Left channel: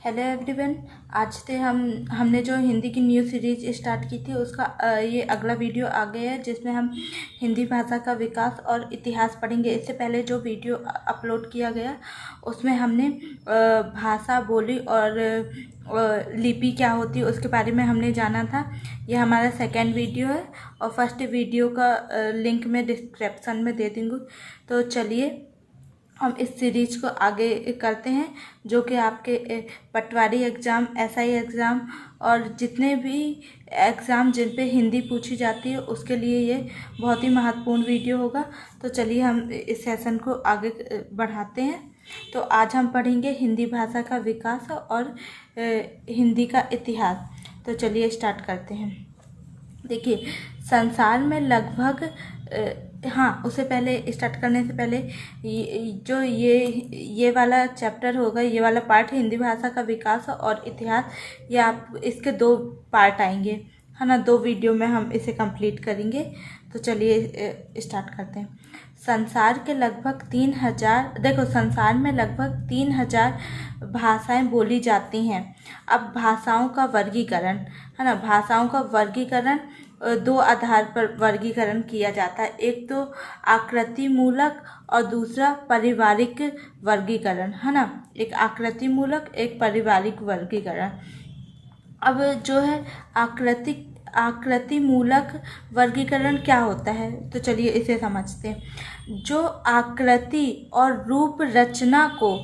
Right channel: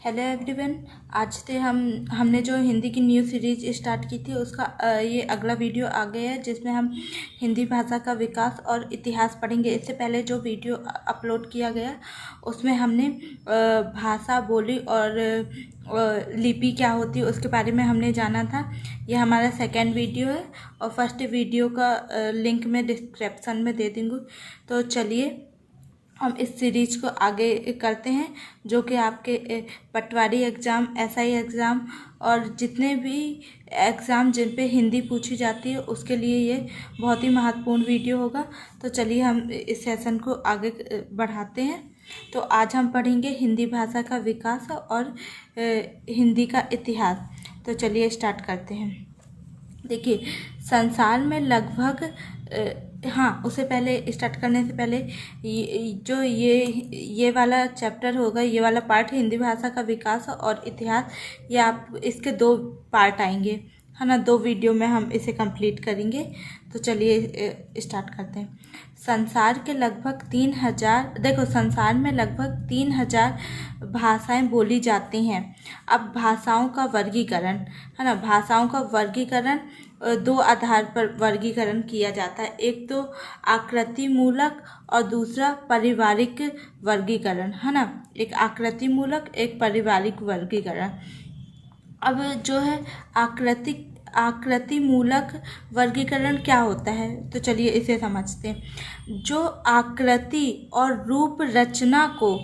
Hello everyone. आज से हमने जो हिंदी की न्यू सीरीज स्टार्ट की थी उसका ये अगला वीडियो आ गया है, जिसमें हम हिंदी भाषा का विकास और इतिहास पढ़ेंगे। इससे पहले जो वीडियो अपलोड किया गया उसमें हमने भाषा, बोली और लिपि क्या होती है उसके बारे में हमने जाना था। ये हमारा सेकेंड वीडियो है और फर्स्ट वीडियो का लिंक मैं डिस्क्रिप्शन में दे दूँगी। तो चलिए हम इस सीरीज को आगे करते हैं, जो कि आपके पटवारी एग्ज़ाम, एसआई एग्ज़ाम और जितने भी एग्ज़ाम जिन पे हिंदी पूछी जाती है उसके लिए ये बहुत ही महत्वपूर्ण वीडियो होगा। तो चलिए हम इस सेशन को आगे बढ़ाते हैं। तो आज हम पढ़ेंगे हिंदी भाषा का विकास और हिंदी का इतिहास। तो चलिए स्टार्ट करते हैं। देखिए, संसार में लगभग उससे पहले स्टार्ट करने से पहले ये वाला चैप्टर होगा, ये वाला पार्ट हिंदी भाषा का विकास और इतिहास, ये आप इसके 2 पार्ट आएंगे, है ना। 2 वीडियो में हम इसे कंप्लीट करेंगे। तो चलिए स्टार्ट करते हैं। संसार में लगभग 3000 भाषाएं बोली जाती हैं। अब भाषाओं का वर्गीकरण, है ना, भाषाओं का वर्गीकरण 2 आधार पर वर्गीकरण किया जाता है। एक तो आकृति मूलक और दूसरा पारिवारिक वर्गीकरण, है ना। एक आकृति मूलक, एक पारिवारिक वर्गीकरण। अब जो है आकृति मूलक वर्गीकरण क्या होता है, तो चलिए इसे समझते हैं। जो आकृति और रूप रचना को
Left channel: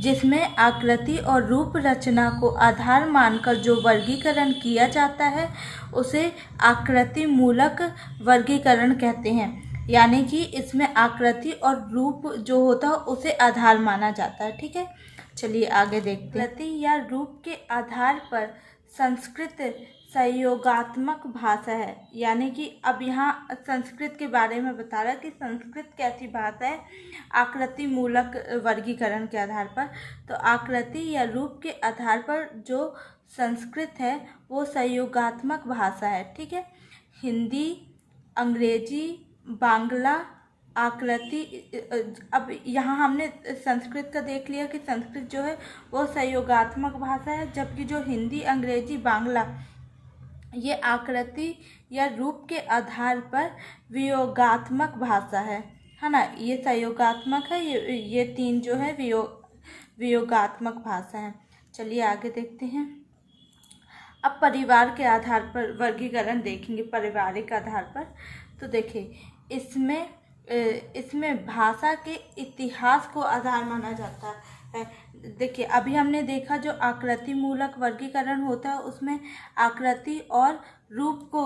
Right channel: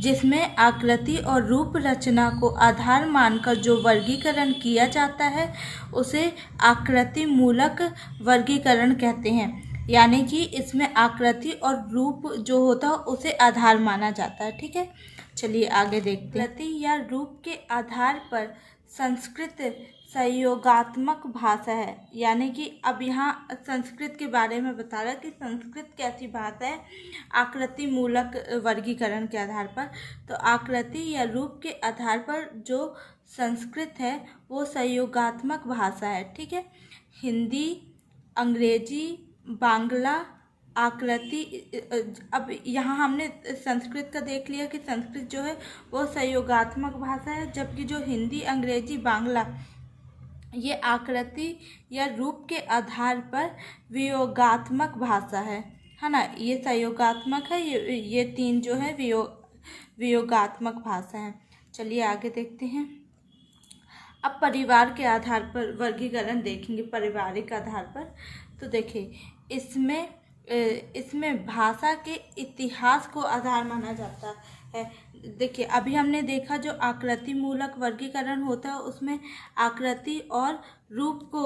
जिसमें आकृति और रूप रचना को आधार मानकर जो वर्गीकरण किया जाता है उसे आकृति मूलक वर्गीकरण कहते हैं। यानी कि इसमें आकृति और रूप जो होता है उसे आधार माना जाता है। ठीक है, चलिए आगे देखते हैं। आकृति या रूप के आधार पर संस्कृत सहयोगात्मक भाषा है। यानी कि अब यहाँ संस्कृत के बारे में बता रहा है कि संस्कृत कैसी भाषा है आकृति मूलक वर्गीकरण के आधार पर। तो आकृति या रूप के आधार पर जो संस्कृत है वो सहयोगात्मक भाषा है। ठीक है, हिंदी, अंग्रेजी, बांग्ला आकृति। अब यहाँ हमने संस्कृत का देख लिया कि संस्कृत जो है वो सहयोगात्मक भाषा है, जबकि जो हिंदी, अंग्रेजी, बांग्ला ये आकृति या रूप के आधार पर वियोगात्मक भाषा है ना। ये सहयोगात्मक है, ये 3 जो है वियोगात्मक भाषा है। चलिए आगे देखते हैं। अब परिवार के आधार पर वर्गीकरण देखेंगे, पारिवारिक आधार पर। तो देखिए, इसमें भाषा के इतिहास को आधार माना जाता है। देखिए, अभी हमने देखा जो आकृति मूलक वर्गीकरण होता है उसमें आकृति और रूप को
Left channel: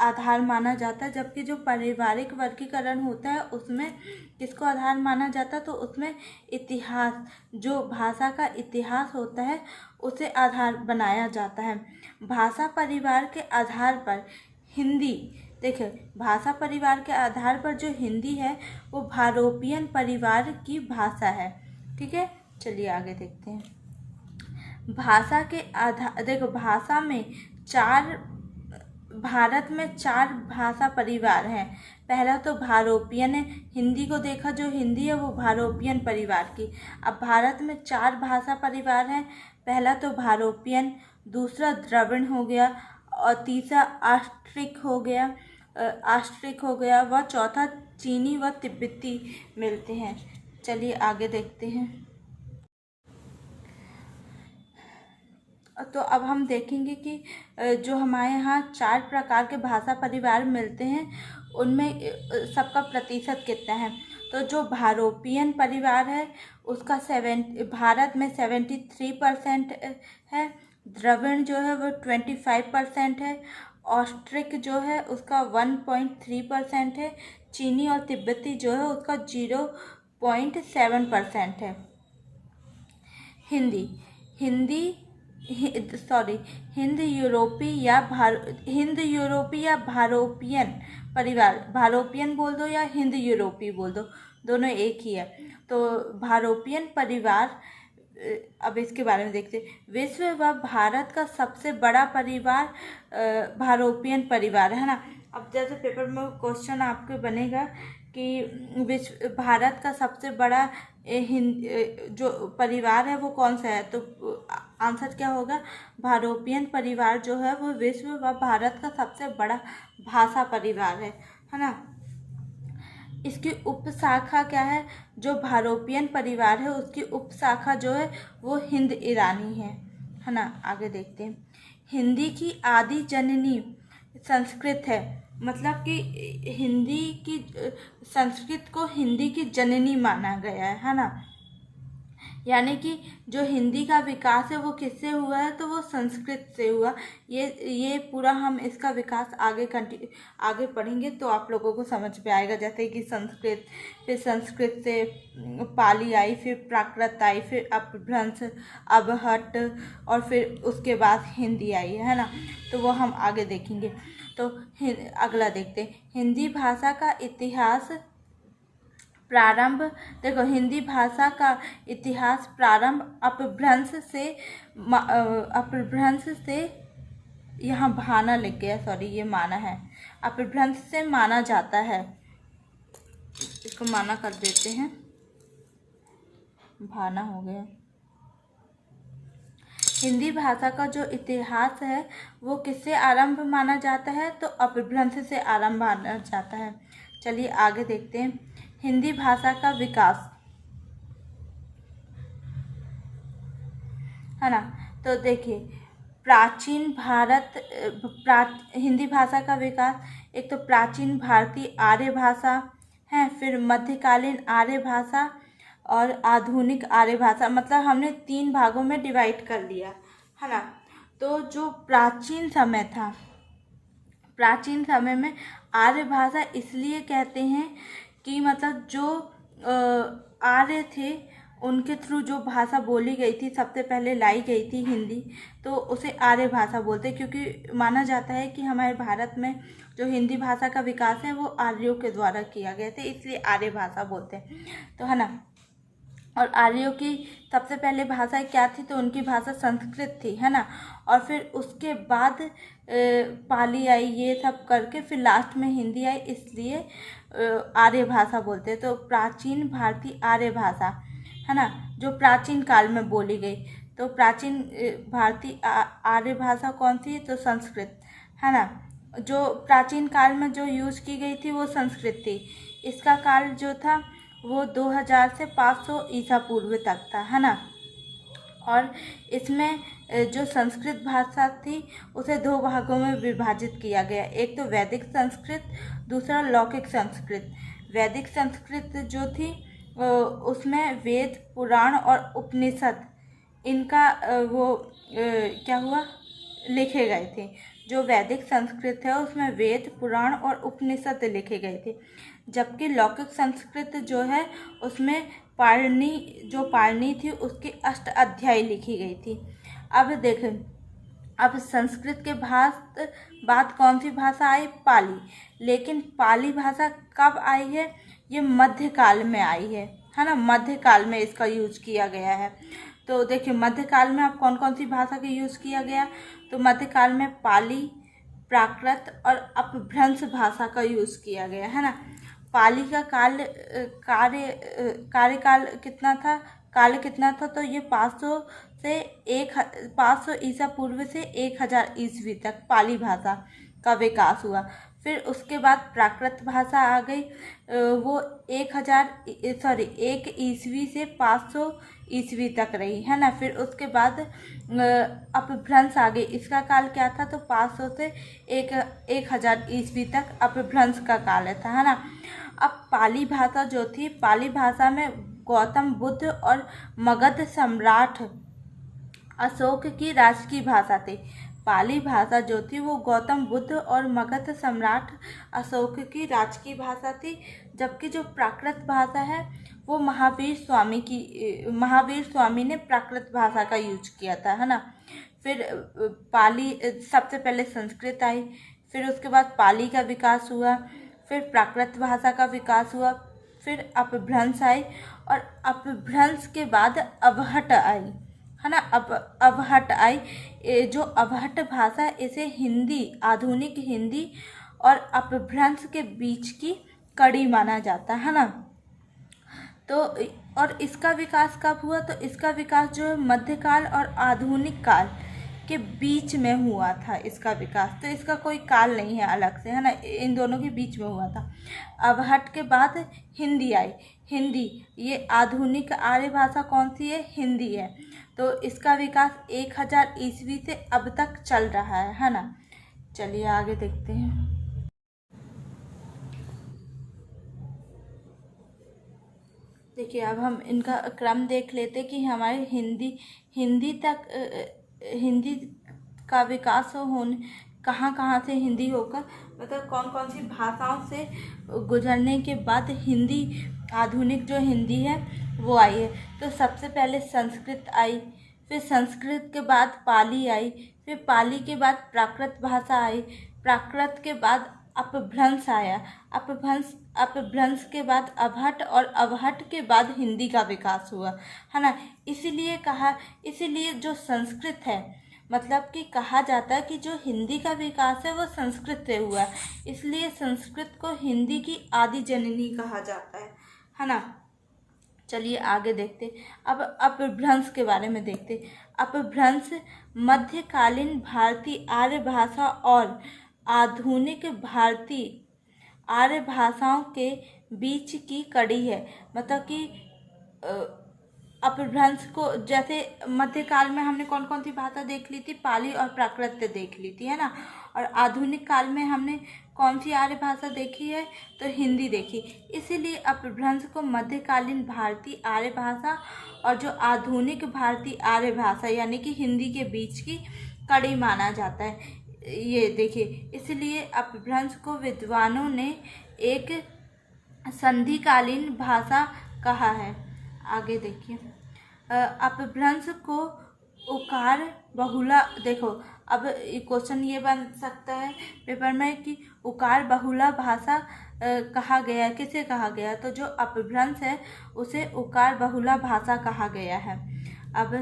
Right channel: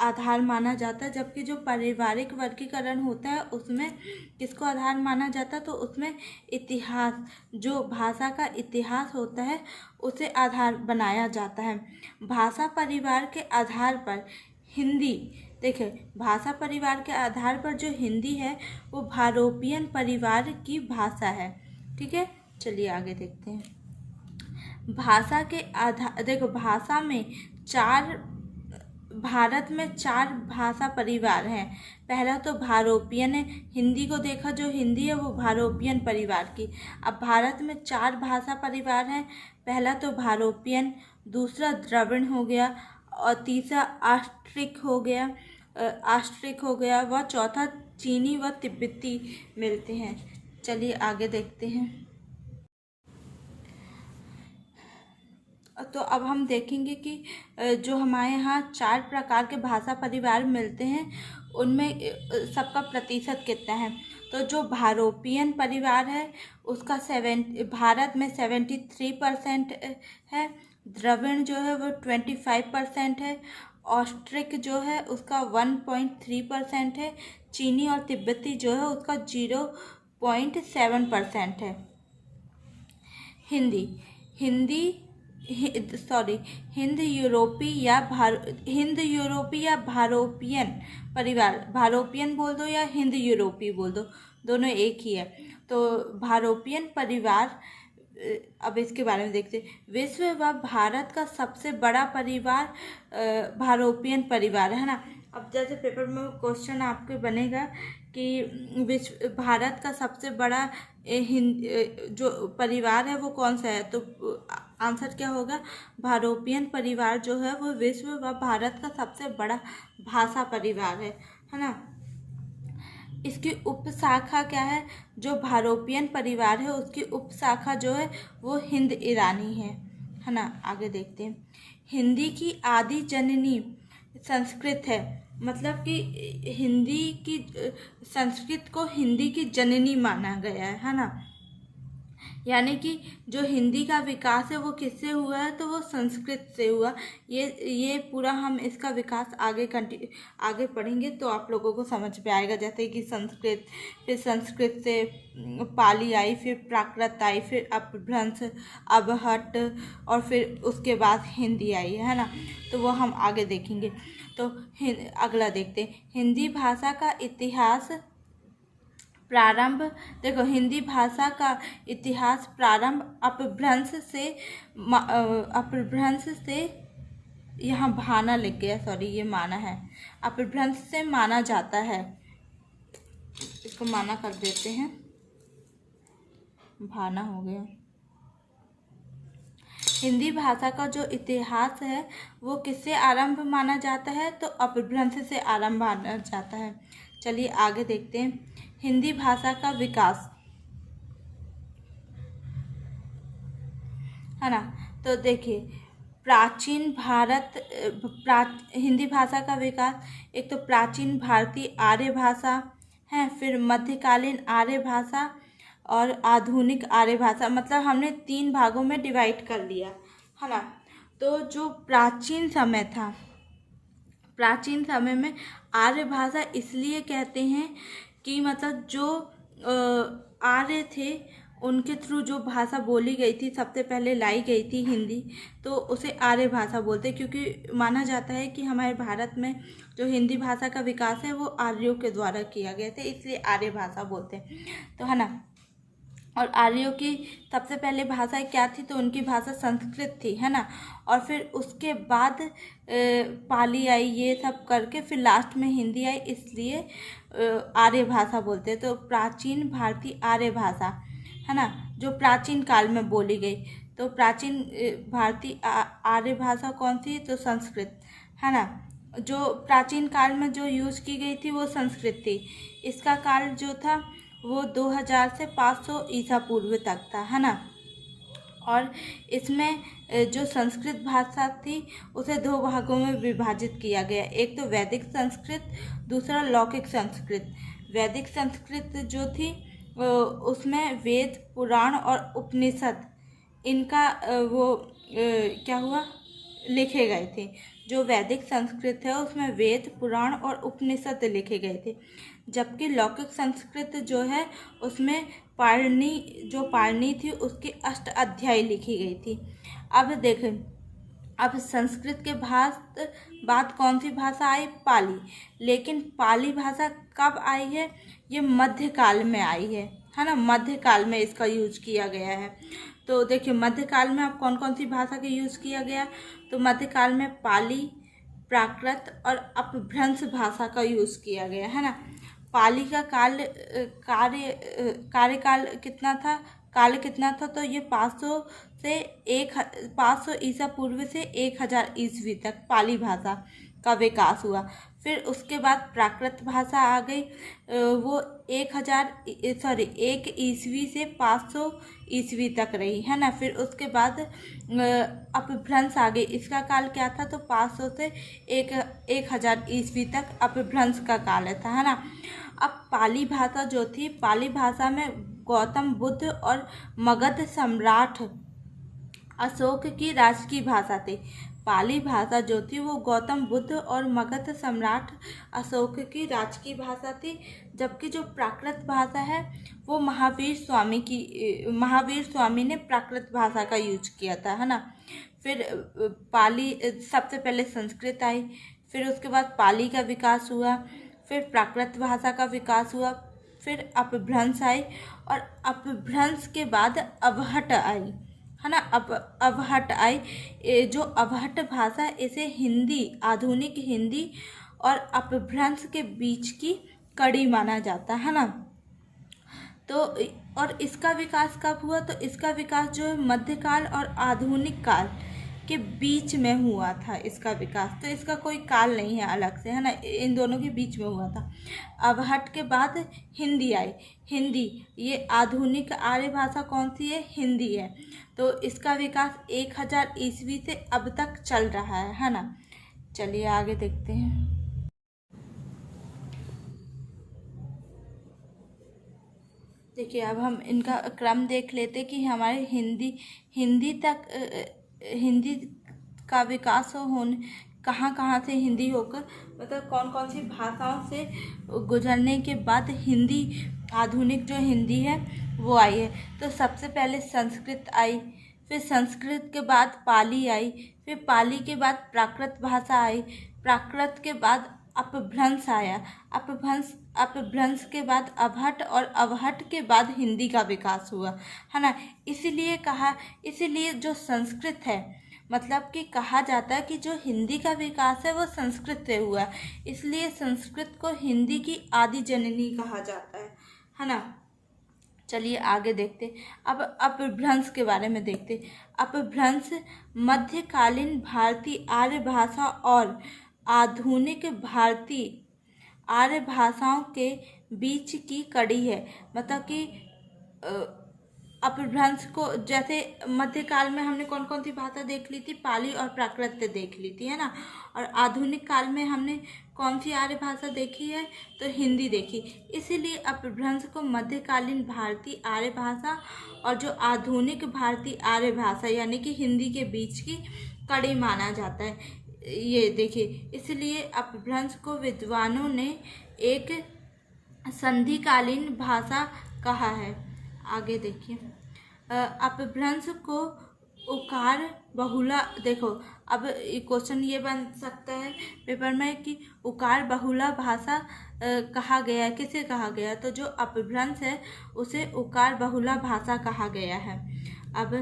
आधार माना जाता है, जबकि जो पारिवारिक वर्गीकरण होता है उसमें किसको आधार माना जाता है, तो उसमें इतिहास, जो भाषा का इतिहास होता है उसे आधार बनाया जाता है। भाषा परिवार के आधार पर हिंदी, देखिए भाषा परिवार के आधार पर जो हिंदी है वो भारोपियन परिवार की भाषा है। ठीक है, चलिए आगे देखते हैं। भाषा के आधार, देखो भारत में 4 भाषा परिवार हैं। पहला तो भारोपियन है, हिंदी को देखा, जो हिंदी है वो भारोपियन परिवार की। अब भारत में 4 भाषा परिवार हैं। पहला तो भारोपियन, दूसरा द्रविड़ हो गया और तीसरा आस्ट्रिक हो गया व चौथा चीनी व तिब्बती मिलते हैं। चलिए आगे देखते हैं। तो अब हम देखेंगे कि जो हमारे यहाँ 4 प्रकार के भाषा परिवार मिलते हैं उनमें सबका प्रतिशत कितना है। तो जो भारोपियन परिवार है उसका भारत में 73% है। द्रविड़ जो है वो 25% है। ऑस्ट्रिक जो है उसका 1.3% है। चीनी और तिब्बती जो है उसका 0.7% है। हिंद यूरोपी या भारोपियन परिवार, भारोपियन बोल दो या हिंद यूरोपी बोल दो, दोनों एक ही है। तो भारोपियन परिवार, अब इसके बारे में देखते हैं। विश्व व भारत का सबसे बड़ा परिवार भारोपियन परिवार है ना। अब जैसे पेपर में क्वेश्चन आपके बनेगा कि भारत का सबसे बड़ा जो परिवार है वो कौन सा है, तो आंसर क्या होगा, भारोपियन परिवार जो है वो विश्व व भारत का सबसे बड़ा भाषा परिवार है ना। इसकी उपशाखा क्या है, जो भारोपियन परिवार है उसकी उपशाखा जो है वो हिंद ईरानी है ना। आगे देखते हैं, हिंदी की आदि जननी संस्कृत है, मतलब कि हिंदी की संस्कृत को हिंदी की जननी माना गया है ना। यानी कि जो हिंदी का विकास है वो किससे हुआ है, तो वो संस्कृत से हुआ। ये पूरा हम इसका विकास आगे पढ़ेंगे तो आप लोगों को समझ में आएगा। जैसे कि संस्कृत, फिर संस्कृत से पाली आई, फिर प्राकृत आई, फिर अपभ्रंश, अबहट, और फिर उसके बाद हिंदी आई है ना। तो वो हम आगे देखेंगे। तो अगला देखते हैं, हिंदी भाषा का इतिहास प्रारंभ। देखो, हिंदी भाषा का इतिहास प्रारंभ अपभ्रंश से यहाँ भाना लिख गया, सॉरी ये माना है, अपभ्रंश से माना जाता है। इसको माना कर देते हैं, भाना हो गया। हिंदी भाषा का जो इतिहास है वो किससे आरंभ माना जाता है, तो अपभ्रंश से आरंभ माना जाता है। चलिए आगे देखते हैं, हिंदी भाषा का विकास है ना। तो देखिए, प्राचीन हिंदी भाषा का विकास, एक तो प्राचीन भारतीय आर्य भाषा है, फिर मध्यकालीन आर्य भाषा और आधुनिक आर्य भाषा। मतलब हमने 3 भागों में डिवाइड कर लिया है ना। तो जो प्राचीन समय था, प्राचीन समय में आर्य भाषा इसलिए कहते हैं कि मतलब जो आर्य थे उनके थ्रू जो भाषा बोली गई थी, सबसे पहले लाई गई थी हिंदी, तो उसे आर्य भाषा बोलते हैं। क्योंकि माना जाता है कि हमारे भारत में जो हिंदी भाषा का विकास है वो आर्यों के द्वारा किया गया था, इसलिए आर्य भाषा बोलते हैं, तो है ना। और आर्यों की सबसे पहले भाषा क्या थी, तो उनकी भाषा संस्कृत थी, है ना। और फिर उसके बाद पाली आई, ये सब करके फिर लास्ट में हिंदी आई, इसलिए आर्य भाषा बोलते हैं। तो प्राचीन भारतीय आर्य भाषा है ना, जो प्राचीन काल में बोली गई। तो प्राचीन भारतीय आर्य भाषा कौन सी, तो संस्कृत है ना। जो प्राचीन काल में जो यूज़ की गई थी वो संस्कृत थी। इसका काल जो था वो 2000 से 500 ईसा पूर्व तक था, है ना। और इसमें जो संस्कृत भाषा थी उसे 2 भागों में विभाजित किया गया, एक तो वैदिक संस्कृत, दूसरा लौकिक संस्कृत। वैदिक संस्कृत जो थी उसमें वेद, पुराण और उपनिषद इनका क्या हुआ, लिखे गए थे। जो वैदिक संस्कृत है उसमें वेद, पुराण और उपनिषद लिखे गए थे। जबकि लौकिक संस्कृत जो है उसमें पाणिनि थी उसकी 8 अध्याय लिखी गई थी। अब देखें, अब संस्कृत के बाद कौन सी भाषा आई, पाली। लेकिन पाली भाषा कब आई है, ये मध्यकाल में आई है ना। मध्यकाल में इसका यूज किया गया है। तो देखिए, मध्यकाल में अब कौन कौन सी भाषा का यूज किया गया, तो मध्यकाल में पाली, प्राकृत और अपभ्रंश भाषा का यूज किया गया, है ना। पाली का कार्यकाल कितना था, तो ये 500 ईसा पूर्व से 1000 ईस्वी तक पाली भाषा का विकास हुआ। फिर उसके बाद प्राकृत भाषा आ गई, वो 1 ईस्वी से 500 ईस्वी तक रही, है ना। फिर उसके बाद अपभ्रंश आ गई, इसका काल क्या था, तो 500 से 1000 ईस्वी तक अपभ्रंश का काल था, है ना। अब पाली भाषा जो थी, पाली भाषा में गौतम बुद्ध और मगध सम्राट अशोक की राजकीय भाषा थी। पाली भाषा जो थी वो गौतम बुद्ध और मगध सम्राट अशोक की राजकीय भाषा थी। जबकि जो प्राकृत भाषा है वो महावीर स्वामी ने प्राकृत भाषा का यूज किया था, है ना। फिर पाली, सबसे पहले संस्कृत आई, फिर उसके बाद पाली का विकास हुआ, फिर प्राकृत भाषा का विकास हुआ, फिर अपभ्रंश आई, और अपभ्रंश के बाद अवहट आई, है ना। अवहट आई, जो अवहट भाषा है इसे हिंदी, आधुनिक हिंदी और अपभ्रंश के बीच की कड़ी माना जाता है ना। तो और इसका विकास कब हुआ? तो इसका विकास जो है मध्यकाल और आधुनिक काल के बीच में हुआ था इसका विकास। तो इसका कोई काल नहीं है अलग से, है ना, इन दोनों के बीच में हुआ था। अवहट के बाद हिंदी आई। हिंदी, ये आधुनिक आर्य भाषा कौन सी है? हिंदी है। तो इसका विकास 1000 ईस्वी से अब तक चल रहा है ना। चलिए आगे देखते हैं। देखिए अब हम इनका क्रम देख लेते कि हमारे हिंदी का विकास होने कहाँ कहाँ से हिंदी होकर, मतलब कौन कौन सी भाषाओं से गुजरने के बाद हिंदी, आधुनिक जो हिंदी है वो आई है। तो सबसे पहले संस्कृत आई, फिर संस्कृत के बाद पाली आई, फिर पाली के बाद प्राकृत भाषा आई, प्राकृत के बाद अपभ्रंश आया, अपभ्रंश के बाद अवहट, और अवहट के बाद हिंदी का विकास हुआ, है ना। इसीलिए जो संस्कृत है, मतलब कि कहा जाता है कि जो हिंदी का विकास है वो संस्कृत से हुआ है, इसलिए संस्कृत को हिंदी की आदि जननी कहा जाता है ना। चलिए आगे देखते। अब अपभ्रंश के बारे में देखते। अपभ्रंश मध्यकालीन भारतीय आर्य भाषा और आधुनिक भारतीय आर्य भाषाओं के बीच की कड़ी है। मतलब कि अपभ्रंश को, जैसे मध्यकाल में हमने कौन कौन सी भाषा देख ली थी? पाली और प्राकृत देख ली थी, है ना। और आधुनिक काल में हमने कौन सी आर्य भाषा देखी है? तो हिंदी देखी। इसीलिए अपभ्रंश को मध्यकालीन भारतीय आर्य भाषा और जो आधुनिक भारतीय आर्य भाषा यानी कि हिंदी के बीच की कड़ी माना जाता है। ये देखिए, इसलिए अपभ्रंश को विद्वानों ने एक संधिकालीन भाषा कहा है। आगे देखिए, अपभ्रंश को उकार बहुला, देखो अब क्वेश्चन ये बन सकता है पेपर में कि उकार बहुला भाषा कहा गया है, किसे कहा गया? तो जो अपभ्रंश है उसे उकार बहुला भाषा कहा गया है। अब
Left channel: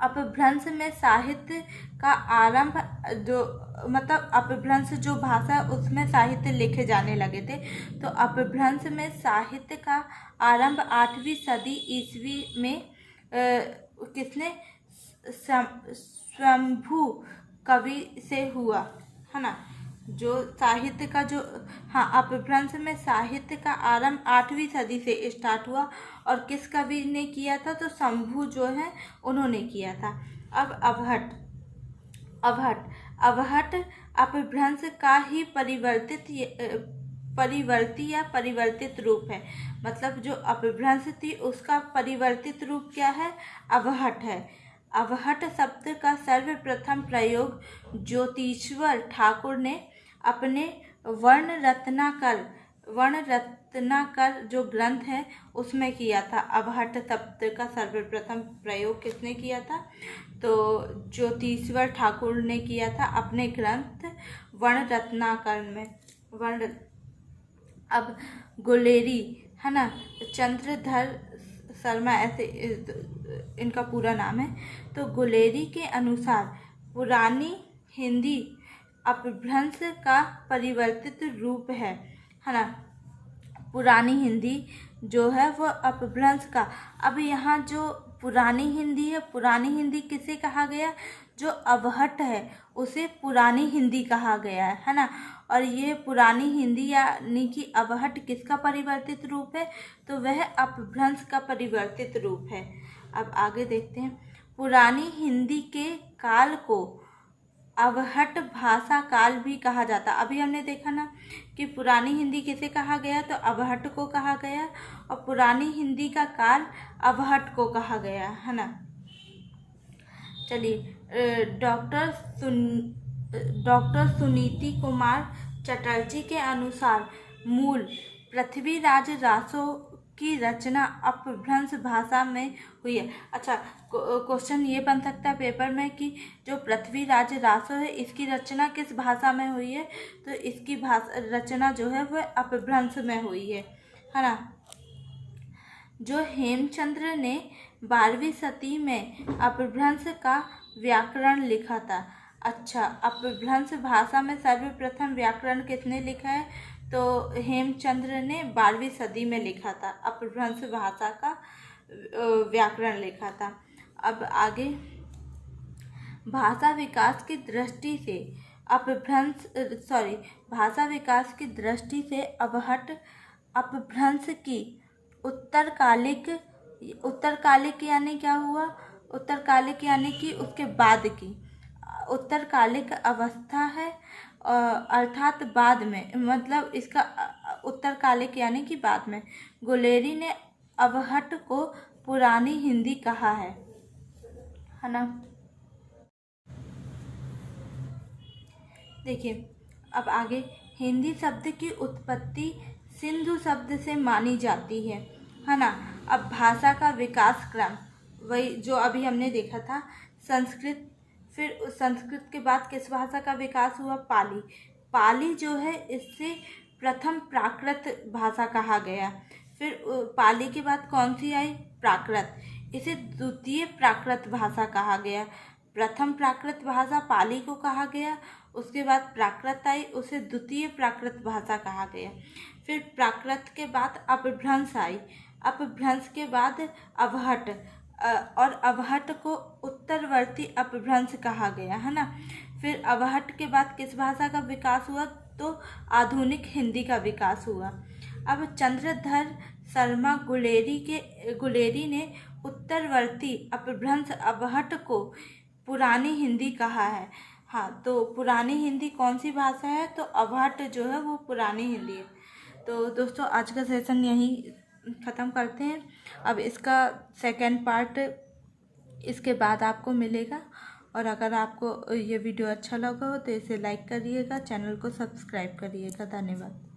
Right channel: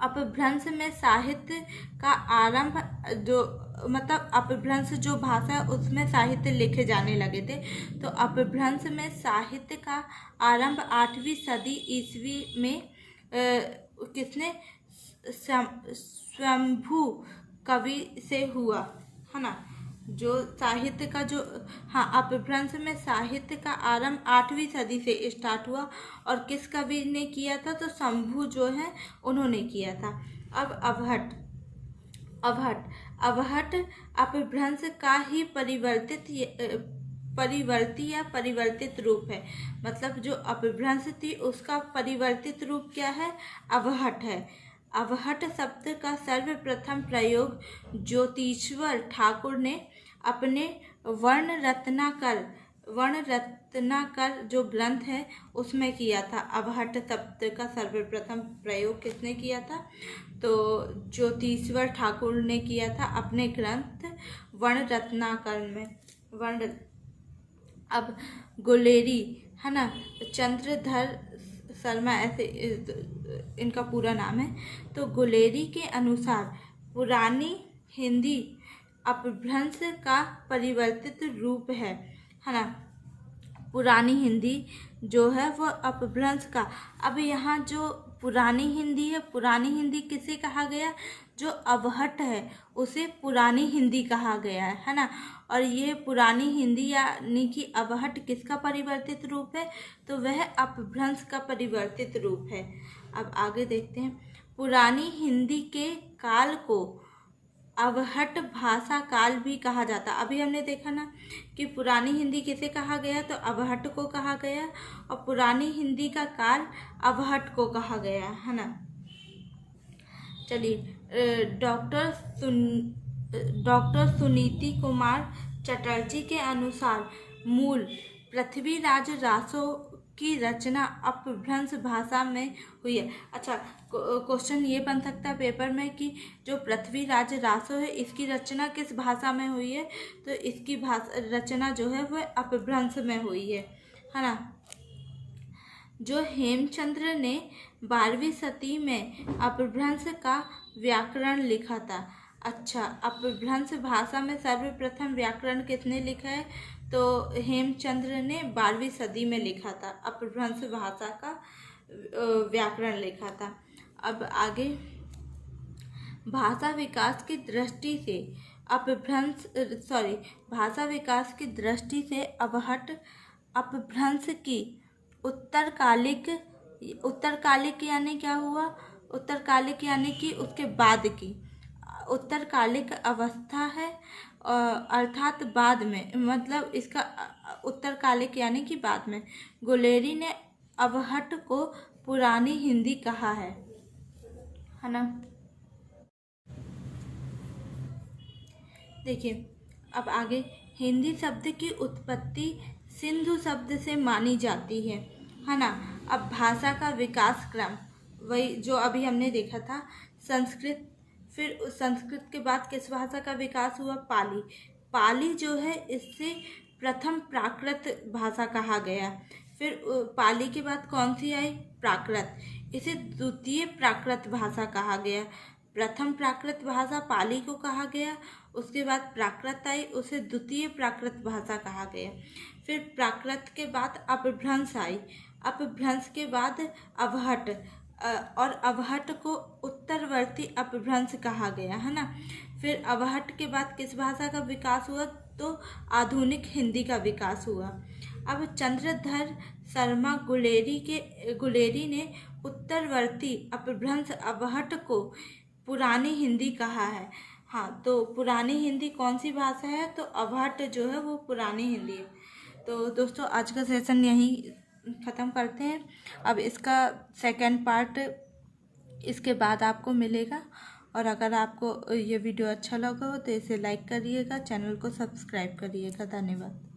अपभ्रंश में साहित्य का आरंभ, जो मतलब अपभ्रंश जो भाषा उसमें साहित्य लिखे जाने लगे थे। तो अपभ्रंश में साहित्य का आरंभ 8वीं सदी ईस्वी में किसने? शंभु कवि से हुआ, है ना। जो साहित्य का जो, हाँ, अपभ्रंश में साहित्य का आरंभ 8वीं सदी से स्टार्ट हुआ और किस कवि ने किया था? तो शंभु जो है उन्होंने किया था। अब अवहट अपभ्रंश का ही परिवर्तित रूप है। मतलब जो अपभ्रंश थी उसका परिवर्तित रूप क्या है? अवहट है। अवहट शब्द का सर्वप्रथम प्रयोग ज्योतिश्वर ठाकुर ने अपने वर्ण रत्नाकर जो ग्रंथ है उसमें किया था। अवहट शब्द का सर्वप्रथम प्रयोग किसने किया था? तो ज्योतिश्वर ठाकुर ने किया था अपने ग्रंथ वर्ण रत्नाकर में। अब गुलेरी, है ना, चंद्रधर शर्मा, ऐसे इनका पूरा नाम है। तो गुलेरी के अनुसार पुरानी हिंदी अपभ्रंश का परिवर्तित रूप है ना। पुरानी हिंदी जो है वो अपभ्रंश का। अब यहाँ जो पुरानी हिंदी है, पुरानी हिंदी किसे कहा गया? जो अवहट है उसे पुरानी हिंदी कहा गया है ना। और ये पुरानी हिंदी यानी कि अवहट किसका परिवर्तित रूप है? तो वह अपभ्रंश का परिवर्तित रूप है। अब आगे देखते हैं। पुरानी हिंदी के काल को अवहट भाषा काल भी कहा जाता। अभी हमने देखा ना कि पुरानी हिंदी किसे कहा गया? तो अवहट को कहा गया, और पुरानी हिंदी का काल अवहट को कहा गया, है ना। चलिए, डॉक्टर सुनीति कुमार चटर्जी के अनुसार मूल पृथ्वीराज रासो की रचना अपभ्रंश भाषा में हुई है। अच्छा, क्वेश्चन ये बन सकता है पेपर में कि जो पृथ्वीराज रासो है इसकी रचना किस भाषा में हुई है? तो इसकी रचना जो है वह अपभ्रंश में हुई है ना। जो हेमचंद्र ने 12वीं सदी में अपभ्रंश का व्याकरण लिखा था। अच्छा, अपभ्रंश भाषा में सर्वप्रथम व्याकरण किसने लिखा है? तो हेमचंद्र ने 12वीं सदी में लिखा था, अपभ्रंश भाषा का व्याकरण लिखा था। अब आगे, भाषा विकास की दृष्टि से भाषा विकास की दृष्टि से अपभ्रंश की उत्तरकालिक यानी क्या हुआ? उत्तरकालिक यानी कि उसके बाद की उत्तरकालिक अवस्था है, अर्थात बाद में, मतलब इसका उत्तरकालिक यानी कि बाद में। गुलेरी ने अवहट को पुरानी हिंदी कहा है ना। देखिए अब आगे, हिंदी शब्द की उत्पत्ति सिंधु शब्द से मानी जाती है ना। अब भाषा का विकास क्रम वही जो अभी हमने देखा था, संस्कृत, फिर संस्कृत के बाद किस भाषा का विकास हुआ? पाली। पाली जो है इससे प्रथम प्राकृत भाषा कहा गया। फिर पाली के बाद कौन सी आई? प्राकृत। इसे द्वितीय प्राकृत भाषा कहा गया। प्रथम प्राकृत भाषा पाली को कहा गया, उसके बाद प्राकृत आई, उसे द्वितीय प्राकृत भाषा कहा गया। फिर प्राकृत के बाद अपभ्रंश आई, अपभ्रंश के बाद अवहट, और अवहट को उत्तरवर्ती अपभ्रंश कहा गया है ना। फिर अवहट के बाद किस भाषा का विकास हुआ? तो आधुनिक हिंदी का विकास हुआ। अब चंद्रधर शर्मा गुलेरी ने उत्तरवर्ती अपभ्रंश अवहट को पुरानी हिंदी कहा है। हाँ, तो पुरानी हिंदी कौन सी भाषा है? तो अवहट जो है वो पुरानी हिंदी है। तो दोस्तों आज का सेशन यहीं ख़त्म करते हैं। अब इसका सेकंड पार्ट इसके बाद आपको मिलेगा। और अगर आपको ये वीडियो अच्छा लगा हो तो इसे लाइक करिएगा, चैनल को सब्सक्राइब करिएगा। धन्यवाद।